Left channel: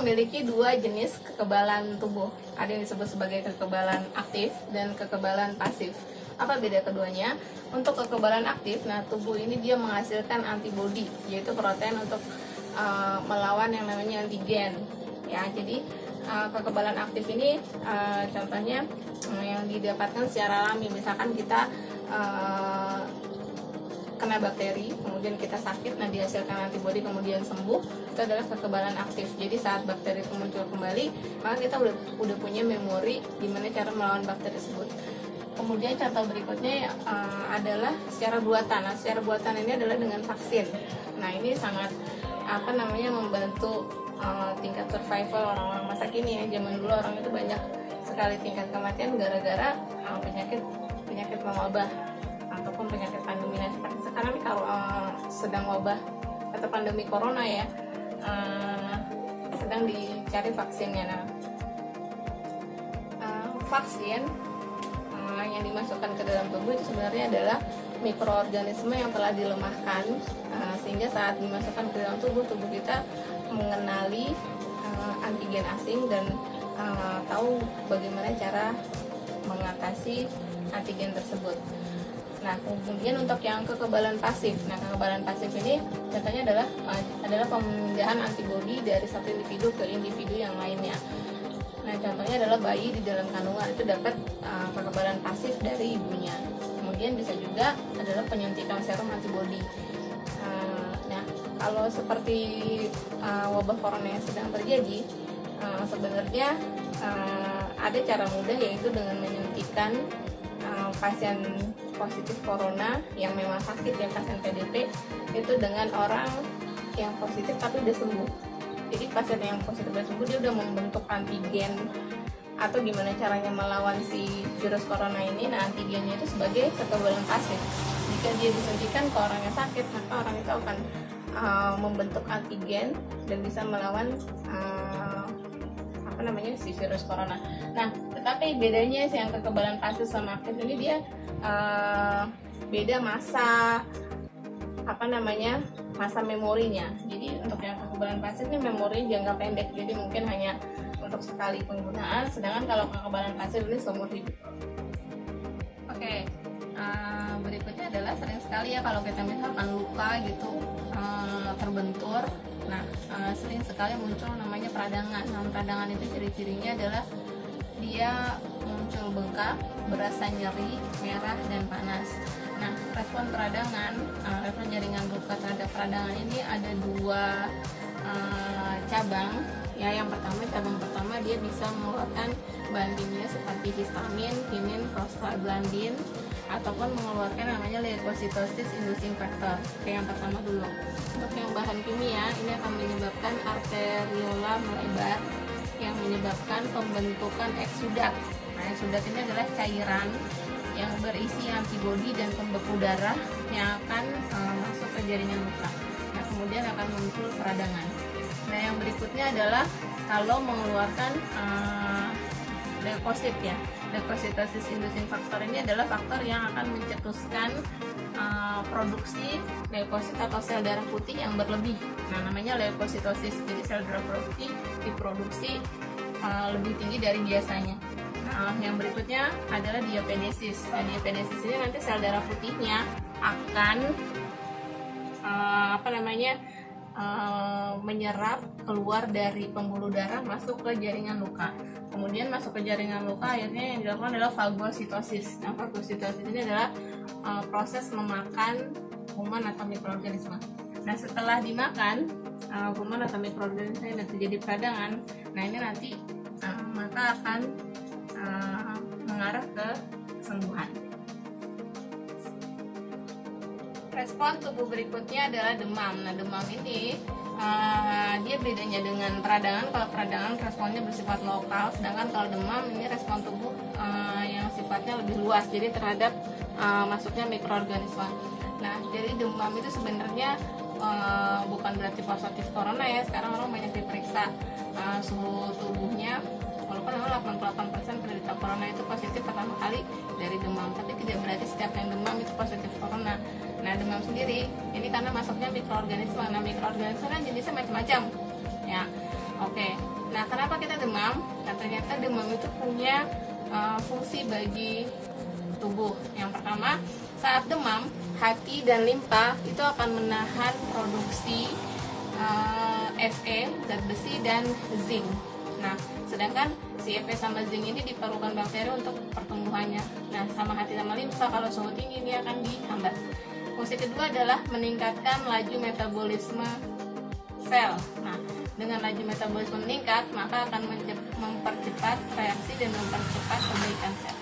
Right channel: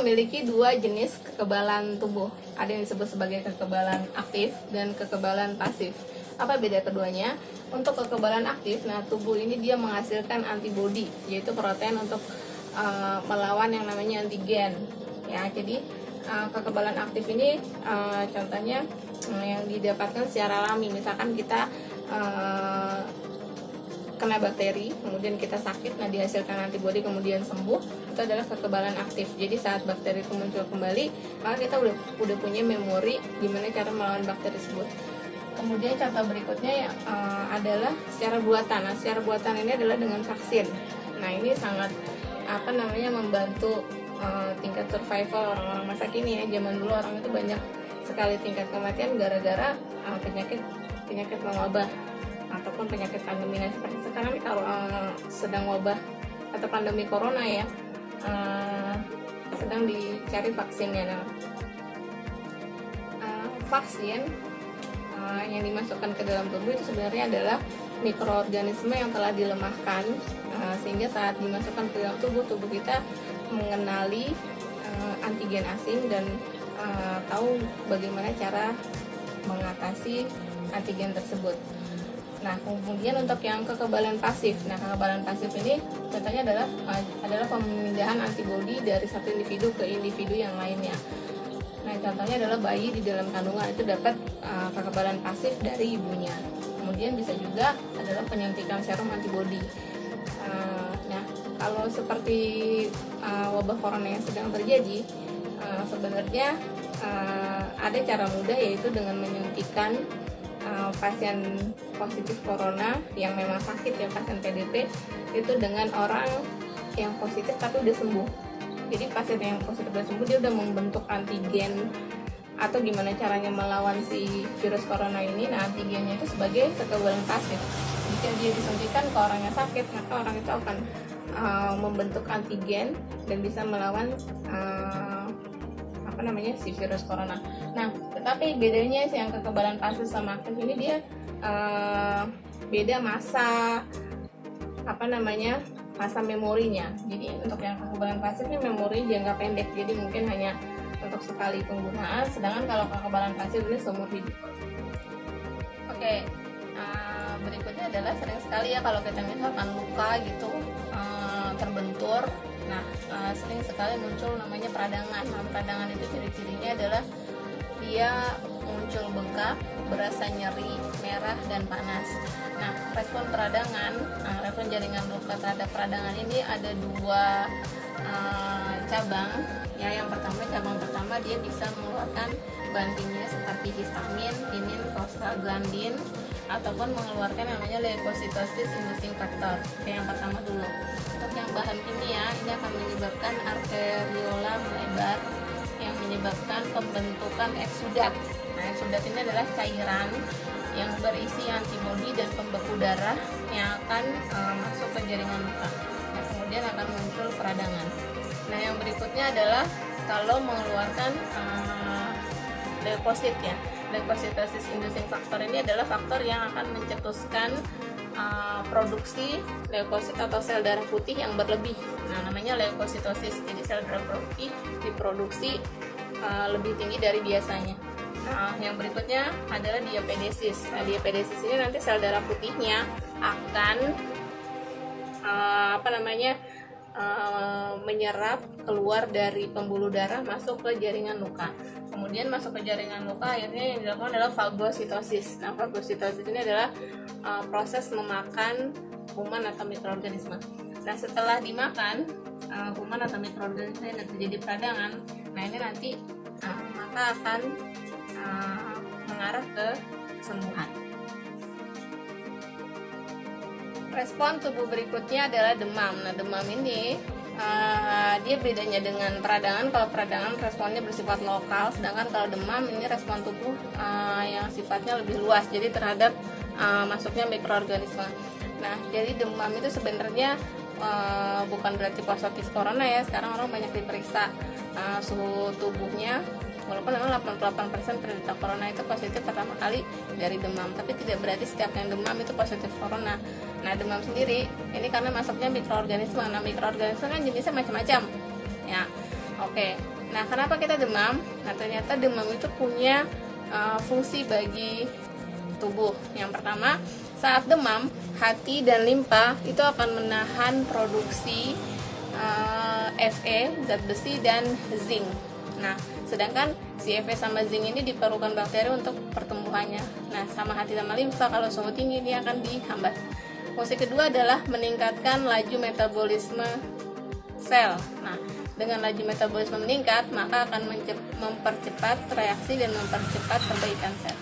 memiliki dua jenis kekebalan tubuh. Ada yang disebut sebagai kekebalan aktif dan kekebalan pasif. Apa beda keduanya? Untuk kekebalan aktif, nah tubuh ini dia menghasilkan antibodi, yaitu protein untuk melawan yang namanya antigen. Ya, jadi kekebalan aktif ini contohnya yang didapatkan secara alami. Misalkan kita kena bakteri, kemudian kita sakit, nah dihasilkan antibodi kemudian sembuh, itu adalah kekebalan aktif. Jadi saat bakteri itu muncul kembali, maka kita udah punya memori gimana cara melawan bakteri tersebut. Kemudian contoh berikutnya adalah secara buatan. Nah, secara buatan ini adalah dengan vaksin. Nah, ini sangat membantu tingkat survival orang-orang masa kini ya. Zaman dulu orang itu banyak sekali tingkat kematian gara-gara penyakit mewabah ataupun penyakit pandemi. Nah, seperti sekarang kalau sedang wabah atau pandemi corona ya, sedang dicari vaksinnya. Nah, vaksin yang dimasukkan ke dalam tubuh itu sebenarnya adalah mikroorganisme yang telah dilemahkan, sehingga saat dimasukkan ke dalam tubuh kita mengenali antigen asing dan tahu bagaimana cara mengatasi antigen tersebut. Nah, kemudian untuk yang kekebalan pasif. Nah, kekebalan pasif ini contohnya adalah pemindahan antibodi dari satu individu ke individu yang lainnya. Nah, contohnya adalah bayi di dalam kandungan itu dapat kekebalan pasif dari ibunya. Kemudian bisa juga adalah penyuntikan serum antibodi. Nah, kalau seperti wabah corona yang sedang terjadi, sebenarnya ada cara mudah, yaitu dengan menyuntikkan pasien positif corona yang memang sakit ya, pasien PDP itu dengan orang yang positif tapi udah sembuh. Jadi pasien yang positif dan sembuh dia udah membentuk antigen atau gimana caranya melawan si virus corona ini. Nah, antigennya itu sebagai kekebalan pasif. Jika dia disuntikan ke orang yang sakit, maka orang itu akan membentuk antigen dan bisa melawan si virus corona. Nah, tetapi bedanya sih yang kekebalan pasif sama aktif ini dia beda masa masa memorinya. Jadi untuk yang kekebalan pasif ini memori jangka pendek, jadi mungkin hanya untuk sekali penggunaan, sedangkan kalau kekebalan pasif ini seumur hidup. Oke, berikutnya adalah sering sekali ya kalau kita misalkan luka gitu terbentur. Nah, sering sekali muncul namanya peradangan. Nah, peradangan itu ciri-cirinya adalah dia muncul bengkak, berasa nyeri, merah, dan panas. Nah, respon peradangan, respon jaringan luka terhadap peradangan ini ada dua cabang. Ya, yang cabang pertama dia bisa mengeluarkan bahan kimia seperti histamin, kinin, prostaglandin, ataupun mengeluarkan namanya leukositosis inducing factor. Oke, yang pertama dulu. Untuk yang bahan kimia ini akan menyebabkan arteriola melebar yang menyebabkan pembentukan eksudat. Nah, eksudat ini adalah cairan yang berisi antibodi dan pembeku darah yang akan masuk ke jaringan luka. Nah, kemudian akan muncul peradangan. Nah, yang berikutnya adalah kalau mengeluarkan leukosit ya. Leukositosis inducing factor ini adalah faktor yang akan mencetuskan produksi leukosit atau sel darah putih yang berlebih. Nah, namanya leukositosis. Jadi sel darah putih diproduksi lebih tinggi dari biasanya. Nah, yang berikutnya adalah diapedesis. Nah, diapedesis ini nanti sel darah putihnya akan menyerap keluar dari pembuluh darah masuk ke jaringan luka. Kemudian masuk ke jaringan luka, akhirnya yang dilakukan adalah fagositosis. Nah, fagositosis ini adalah proses memakan kuman atau mikroorganisme. Nah, setelah dimakan kuman atau mikroorganisme yang terjadi peradangan, nah ini nanti maka akan mengarah ke kesembuhan. Respon tubuh berikutnya adalah demam. Nah, demam ini dia bedanya dengan peradangan. Kalau peradangan responnya bersifat lokal, sedangkan kalau demam ini respon tubuh yang sifatnya lebih luas, jadi terhadap masuknya mikroorganisme. Nah, jadi demam itu sebenarnya bukan berarti positif corona ya. Sekarang orang banyak diperiksa suhu tubuhnya, walaupun memang 88% penderita corona itu positif pertama kali dari demam, tapi tidak berarti setiap yang demam itu positif corona. Nah, demam sendiri ini karena masuknya mikroorganisme. Nah, mikroorganisme kan jenisnya macam-macam ya. Oke, nah kenapa kita demam? Nah ternyata demam itu punya fungsi bagi tubuh. Yang pertama, saat demam, hati dan limpa itu akan menahan produksi Fe, zat besi, dan zinc. Nah, sedangkan si Fe sama zinc ini diperlukan bakteri untuk pertumbuhannya. Nah, sama hati sama limfa kalau suhu tinggi ini akan dihambat. Fungsi kedua adalah meningkatkan laju metabolisme sel. Nah, dengan laju metabolisme meningkat, maka akan mempercepat reaksi dan mempercepat perbaikan sel.